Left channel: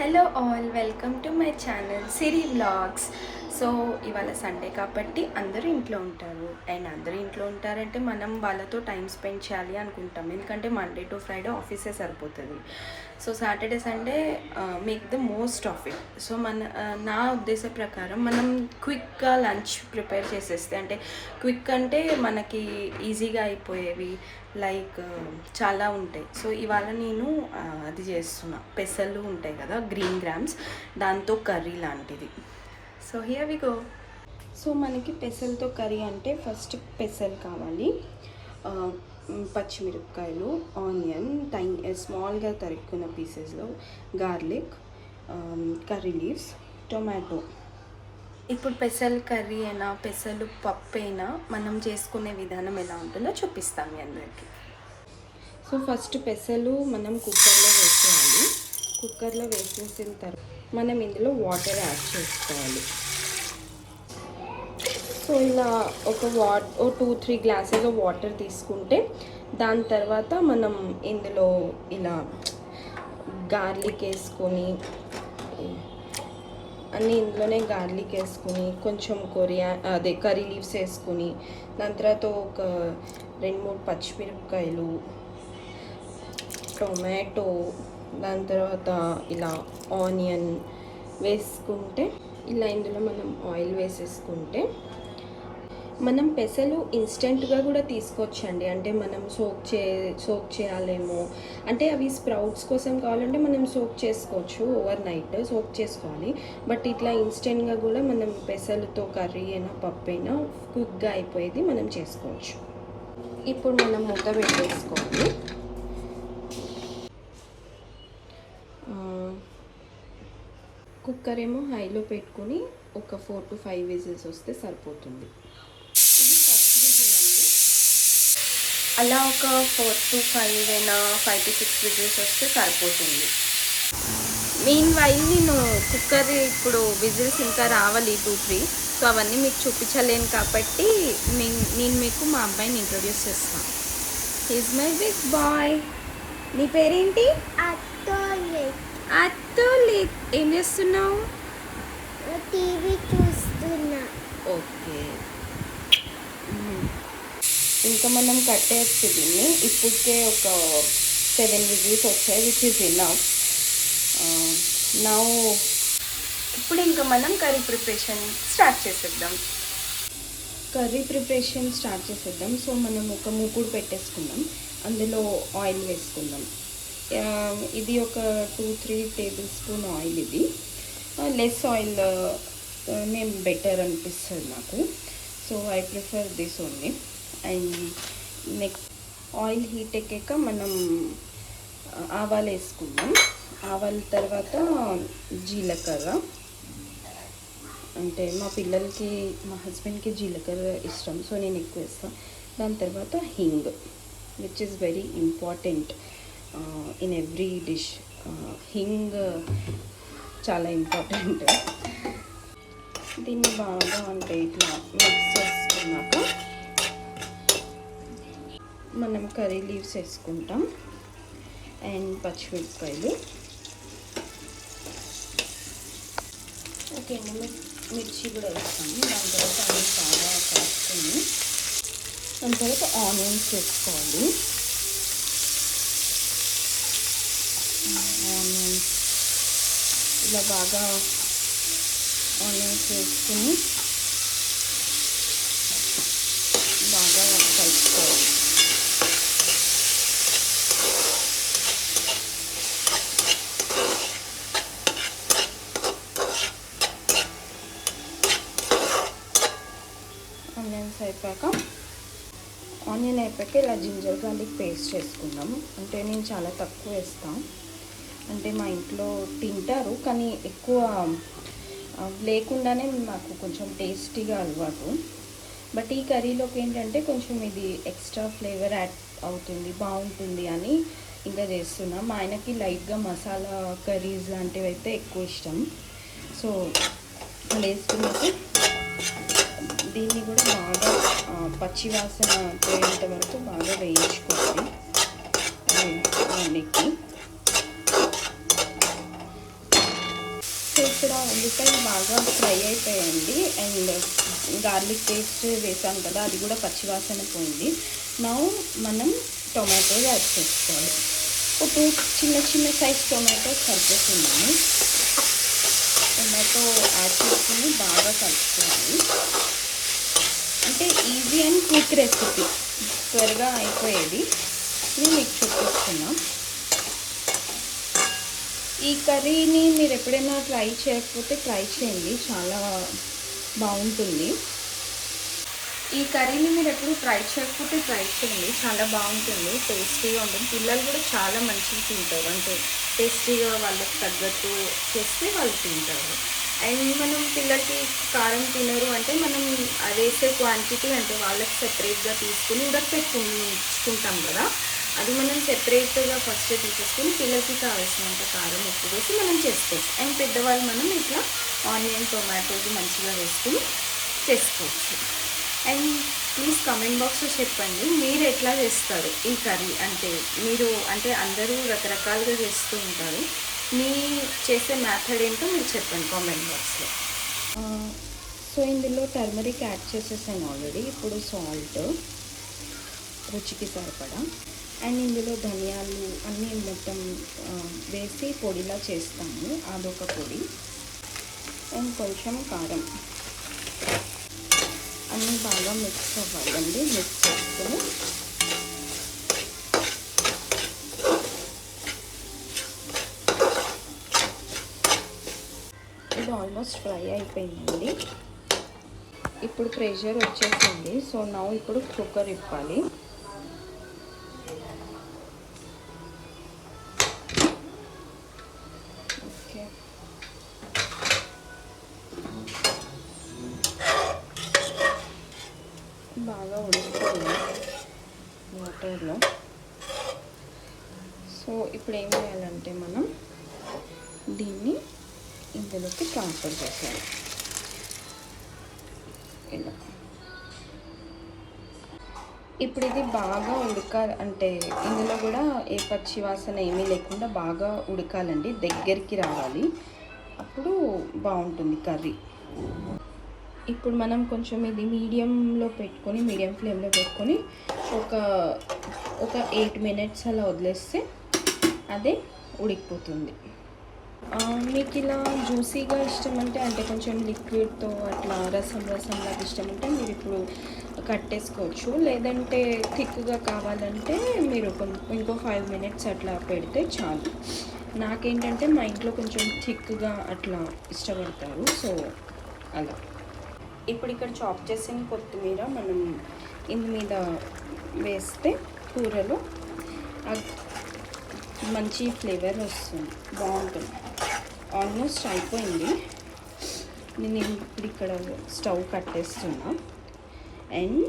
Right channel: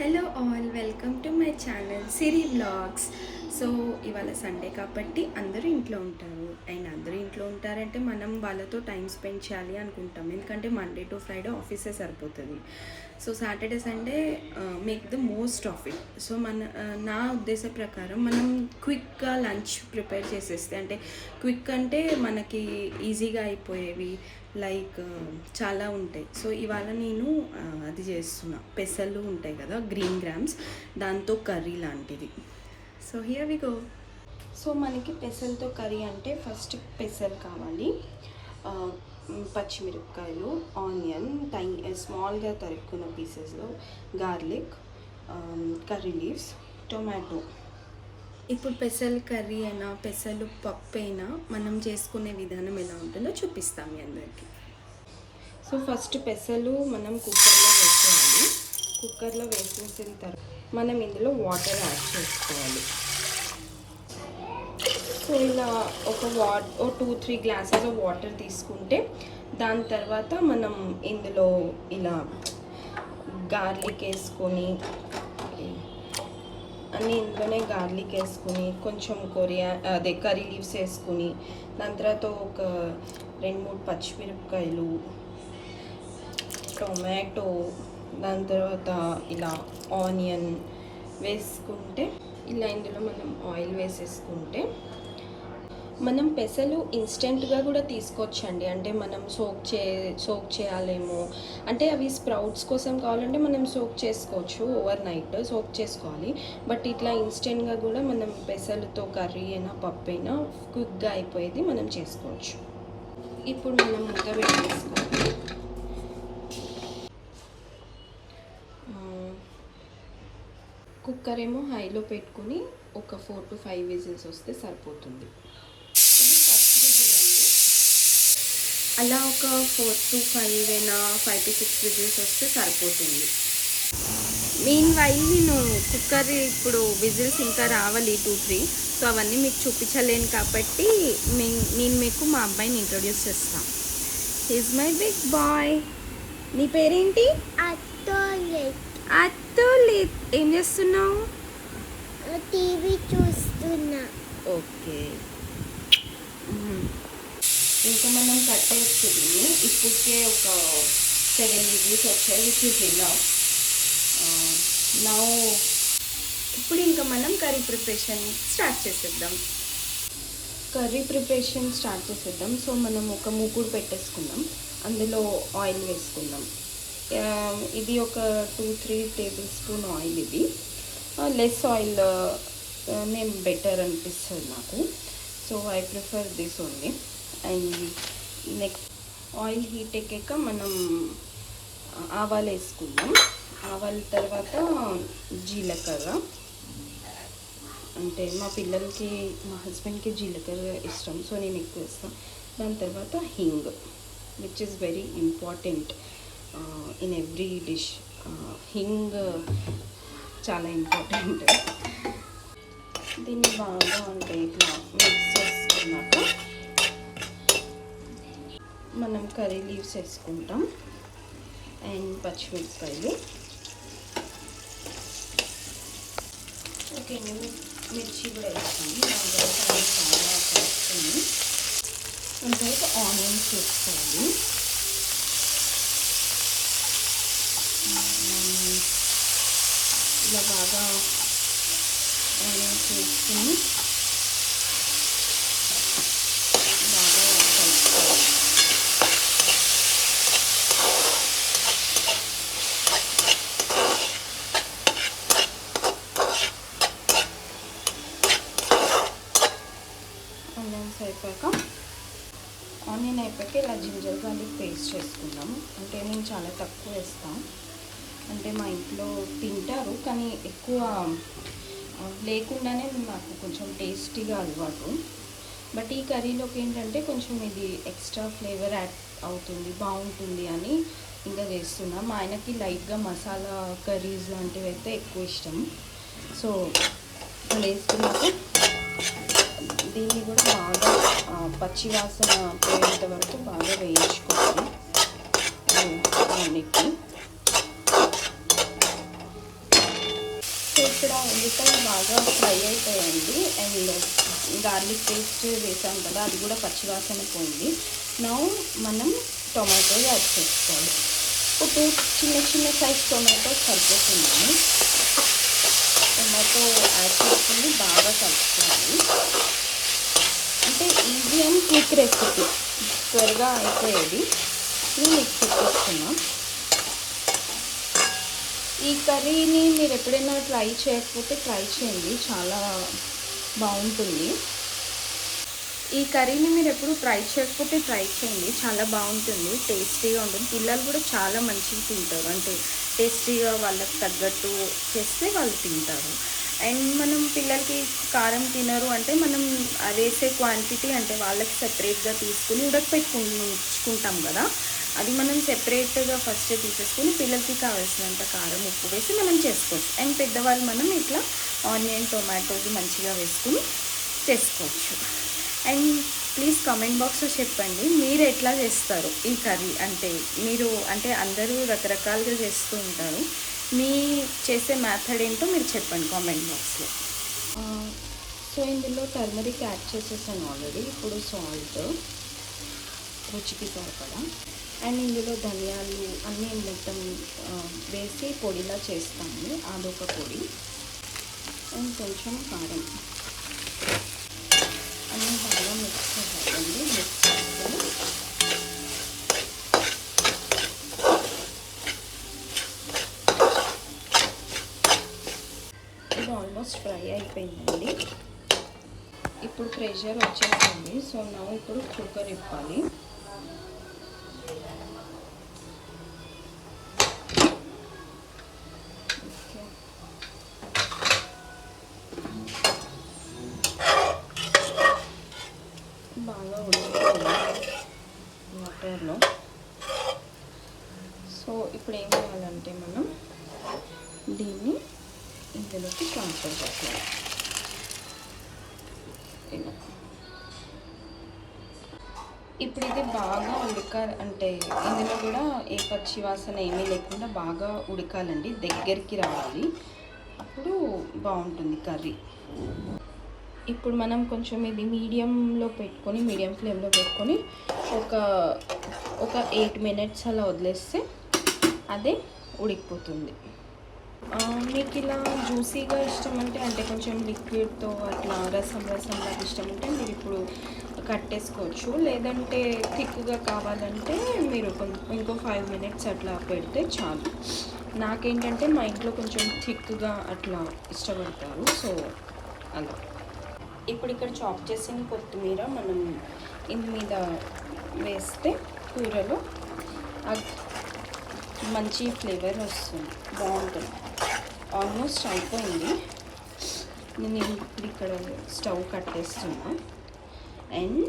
Hello all, welcome to my channel Siri vlogs. So ఇవాళ Sunday కాబట్టి అందరూ ఇంట్లో ఉంటారు. అండ్ అందరూ ఇంట్లో ఉంటారంటే మనం వాళ్ళతో టైం స్పెండ్ చేయాలి అనుకుంటాం, ఎందుకంటే మండే టు ఫ్రైడే ఆఫీసే సరిపోతుంది. So Saturday Sunday make the most of it. So నా ఉద్దేశ ప్రకారం మనం క్విక్గా లంచ్ ప్రిపేర్ చేసేస్తే, అంటే క్విక్ అంటే మనకి ఈజీగా అయిపోయేవి లైక్ చాలా ఉంటాయి. సో ఇవాళ నేను అది చేస్తున్నా, పెసలు ఉంటాయి కదా, గ్రీన్ గ్రామ్స్, దాంతో కర్రీ లాంటిది. So here we go. So మనకి పెసలతో కర్రీ అంటే ఫస్ట్ పెసలు కావాలి, పచ్చిమిరపకాయలు, ఆనియన్, స్మాల్గా తరుక్కున్న పీసెస్లో, గార్లిక్, కర్రీ లీవ్స్, టొమాటో. ఇప్పుడు పెసలు కర్రీ అయినా పెసలు పప్పు అయినా మనం చేసుకునే విధానం ఎలా ఉంటుందో చూపిస్తాను మీ అందరికీ. సో ఫస్ట్ పెసలు మనం కుక్కర్లో వేసేయాలి. కుక్కర్లో వేసేసిన తర్వాత మనం ఇందులో వాటర్ యాడ్ చేసుకోవాలి. సో ఇలా ఒక 2-3 గ్లాసెస్ ఆఫ్ వాటర్ తీసుకుంటే దాని తర్వాత మనం ఇందులో ఇలా గార్లిక్ వేసుకొని, అన్నీ ఇందులోనే గార్లిక్ వేసుకుని, కొంచెం కర్రీ లీవ్స్ వేసుకుని, దాని తర్వాత ఒక 2-3 పచ్చిమిరపకాయలు, టొమాటో, దాని తర్వాత ఇలా ఆనియన్ వేసుకుంటే, ఇలా ఇందులో మనం ఆయిల్ వేసేసుకుంటే, మనం పెసలు ఇన్స్టెంట్గా కూడా తీసుకోవచ్చండి. అంటే మనం సోక్ చేయాలేమో, అంటే అవి స్ప్రౌట్స్ కోసం కావాలంటే మనం సోక్ చేసుకోవచ్చు, ఓవర్ నైట్ సోక్ చేసుకోవాలి. బట్ ఇట్లా ఇన్స్టెంట్గా కూడా మనం పెసలతో కర్రీ అయినా పప్పు అయినా క్విక్గా అయిపోయేది మనం చేసుకోవచ్చు. ఇప్పుడు మనం మూత పెట్టేసుకోవాలి. కుక్కర్ ఏమో హైలో పెట్టుకుని ఒక 4 to 5 విజిల్స్ వస్తే సరిపోతుంది. ఇది ఫస్ట్ విజిల్ అండి. అలా ఒక 4 to 5 అయినా 5 to 6 విజిల్స్ వస్తే సరిపోతుంది. మీన్ వైల్ నేను కుక్కర్ ఇప్పుడు విజిల్స్ ఇంకా రావాలి 2-3. సో అవన్నీ మీకు చూపించలేను కాబట్టి నేను మీకు మా అబ్బాయిని ఇంట్రొడ్యూస్ చేస్తాను. He's my big boy. నీ పేరేంటి? అత్తోలిప్. ఏం చేస్తున్నావు? టీవీ చూస్తున్నా. ఓకే, ఇంకా మనం కట్టేయచ్చు దీన్ని. ఇప్పటికే ఒక 7 విజిల్స్ వచ్చాయి, విచ్ ఈజ్ ఇనఫ్. నౌ ఇప్పుడు ఇంకా మనం కర్రీ ప్రిపరేషన్ స్టార్ట్ చేసేద్దాం. సో మనం ఒక మూకుడు పెట్టేసుకుందాం, అందులో ఆయిల్ వేసుకుందాం. ఇది ఒక 2-3 టేబుల్ స్పూన్ ఆయిల్. ఇది లెస్ ఆయిల్ నేను బెటర్ అనిపిస్తుంది నాకు. So I prefer this only. And next oil heat ఎక్కాక మనం ఆవాలు వేసుకుందాం. ఆవాల తర్వాత జీలకర్ర, అంటే మా పిల్లలకి, మా హస్బెండ్కి జీలకర్ర ఇష్టం, సో నేను ఎక్కువ వేస్తాను. దాని తర్వాత hinge, which is very important in every dish. Hinge చాలా ఇంపార్టెంట్. దీన్ని బాగా అంటే ఇట్లా మిక్స్ చేసుకున్నాక మనం కర్రీ లీవ్స్ వేసుకుంటాం అండ్ పచ్చిమిరపకాయలు. ఓకే, మిర్చి కూడా వేస్తాము. దాని తర్వాత అవి బాగా కలుపుకొని దాని తర్వాత ఆనియన్స్ వేసుకోవాలి. ఆనియన్స్ ఇలా బాగా ఆనియన్స్ వేసుకుని బాగా కలుపుకోవాలి. ఆనియన్ అయిపోయాక ఇలా జింజర్ గార్లిక్ పేస్ట్ చేసుకుందాం. అంటే నేను చాలా తక్కువ వేస్తాను, అంటే మా ఇంట్లో తింటారు కానీ ఎక్కువ లేకుండానే నాకు కొంచెం టేస్టీగా అలవాటు. బట్ ఈ కర్రీలోకి ఏంటంటే కొంచెం ఇది ఎక్స్ట్రా ఫ్లేవర్ యాడ్ అవుతుంది, బాగుంటుంది అని ఇంకా చేస్తున్నా. మా ఆయనకి లైట్గా మసాలా కర్రీస్ లాంటివి అయితే ఎక్కువ ఇష్టం. సో వేసుకున్నాక దీన్ని కూడా బాగా పచ్చి వాసన పోయేంత వరకు బాగా వేయించుకోవాలి. సో ఇక్కడ ఉల్లిపాయలు బాగా ఫ్రై అయిపోయాయండి. అండ్ గార్లిక్ పేస్ట్ వేసాం కదా, అది కూడా పచ్చివాసన పోయింది. నా మనం టొమాటో యాడ్ చేసుకోవాలి. ఒక చిన్న చిన్న సైజ్ టొమాటో సరిపోతున్నాను. టొమాటో యాడ్ చేసుకుని బాగా కలుపుకోవాలి. అంటే ఈజీ అండ్ క్విక్ రెసిపీ, త్వరగా అయిపోయేది. ఇది మిక్స్ పెట్టేస్తున్నాం. ఈ కర్రీని మీరు ఎప్పుడైనా ట్రై చేయకపోతే ట్రై చేయండి, చాలా బాగుంటుంది. ఈ కర్రీని మీరు ఎప్పుడు ట్రై చేయకపోతే ట్రై చేయండి, చాలా బాగుంటుంది, టేస్టీగా ఉంటుంది. పిల్లలు కూడా చాలా మంచిగా తింటారు, అంటే టేస్టీగా వాళ్ళకి తగ్గట్టు చేస్తే వాళ్ళు తింటారు. అండ్ మనం పిల్లలకి కారం తినరు అంటే మనం వేసే క్వాంటిటీ అంటే వాళ్ళకి సెపరేట్గా తీసుకుని ఉడకపెట్టుకుంటాం కదా, అది మనం సెపరేట్గా ఫస్ట్ తీసేసుకొని పిల్లలకి కావాల్సినంత కారం ఉప్పు వేసి మనం చేసుకోవచ్చు. అండ్ పెద్దవాళ్ళు మనం ఇట్లా ఆనియన్ టొమాటోస్ మంచిగా వేసుకుని చేసుకోవచ్చు. అండ్ ప్లీజ్ కామెంట్ బాక్స్లో చెప్పండి మీరు ఎట్లా చేస్తారు ఈ కర్రీ. అంటే మీరు అంటే అందరూ రకరకాలుగా చేస్తూ ఉంటారు, మీ చేసే మెథడ్ ఏంటో మీరు చెప్పండి కామెంట్ బాక్స్లో. సో ఇందులో టర్మరిక్ యాడ్ చేసేసాను ఆల్రెడీ. ఇప్పుడు సాల్ట్ రుచికి సరిపడా, అండ్ ఇందులో ధనియాలు అన్నీ మొత్తం వేసి పొడిలా చేస్తాము, అదొక పొడి. అండ్ కొంచెం కారం అన్నీ బాగా మిక్స్ అవ్వాలండి. మిక్స్ చేసుకొని ఇది ఆల్మోస్ట్ ఫ్రై అయిపోయిందండి. ఇప్పుడు ప్రెషర్ వచ్చేసింది. సో నా ఇప్పుడు కుక్కర్ ఇప్పాలి. బాగా ఉడికిపోయింది వాటర్లో. సో ఇప్పుడు ఏం చేయాలంటే మనం దీన్ని ఇందులోకి ట్రాన్స్ఫర్ చేసేయాలి. ఇలా ఇప్పుడు ఇది బాగా అంటే ఇందులో కూడా ఏ పచ్చి వాసన ఏమీ లేకుండా బాగా ఉడకాలండి, దగ్గరికి రావాలి, అప్పుడు బాగుంటుంది కర్రీ. ఇప్పుడు మనం కొంచెం ఇది మీడియం ఫ్లేమ్లో పెట్టుకొని ఒక 8 minutes అలా వదిలేస్తే అదే ఉడికిపోతుంది. మీకు ఇలా జ్యూసీగా ఇష్టం అంటే కొంచెం లిక్విడ్తో అట్లా రసంలాగా ఇష్టం అంటే మీరు ఇప్పుడు కట్టేసుకోవచ్చు. లేదంటే థిక్గా కావాలంటే మీరు ఇంకో 5 minutes అట్లా పెడితే చాలు. నాకేంటంటే మా ఇంట్లో కొంచెం థిక్గా అట్లా ఇష్టపడతారు, సో అలా. ఇప్పుడు ఇక్కడ చాప్ చేసిన కొత్తిమీర మనం ఇందు మీద వేస్తే కూరలో మంచి ఫ్లేవర్ వస్తుంది, బాగుంటుంది. ఆల్మోస్ట్ అయిపోయింది. నేను ఇప్పుడు ఇక్కడ స్టవ్ కట్టేస్తున్నా. అండ్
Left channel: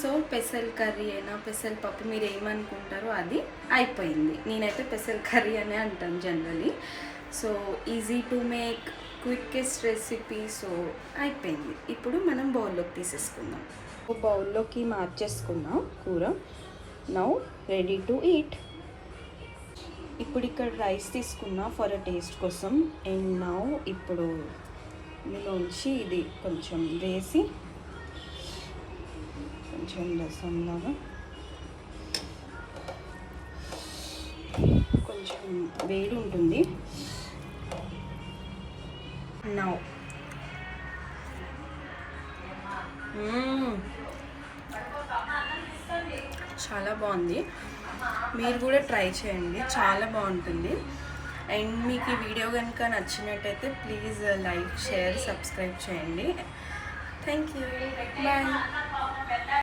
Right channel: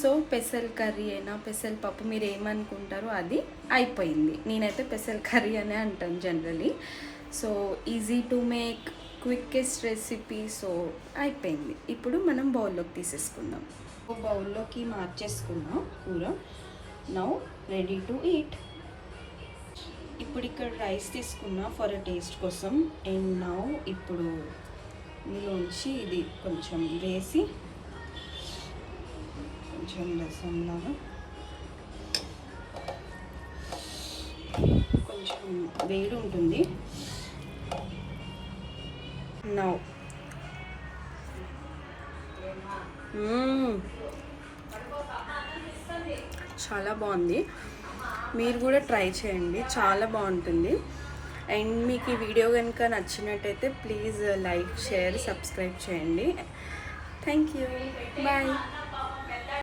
సో పెసల్ కర్రీ అయినా పెసల్ పప్పు మీరు ఏమనుకుంటారో అది అయిపోయింది. నేనైతే పెసల్ కర్రీ అనే అంటాను generally. So easy to make, quickest recipe. So అయిపోయింది. ఇప్పుడు మనం బౌల్లోకి తీసేసుకుందాం. బౌల్లోకి మార్చేసుకుందాం కూర. Now ready to eat. ఇప్పుడు ఇక్కడ రైస్ తీసుకున్నా ఫర్ టేస్ట్ కోసం. అండ్ నౌ ఇప్పుడు ఇందులోంచి ఇది కొంచెం వేసి కొంచెం రసంలాగా కొంచెం వేడి ఉంటుంది. నౌ చాలా బాగుంది, మీరు కూడా ట్రై చేయండి, చాలా బాగుంటుంది. అండ్ మీకు ఈ వీడియో కనుక నచ్చినట్టయితే ప్లీజ్ లైక్, షేర్, సబ్స్క్రైబ్ చేయండి. Thank you, bye.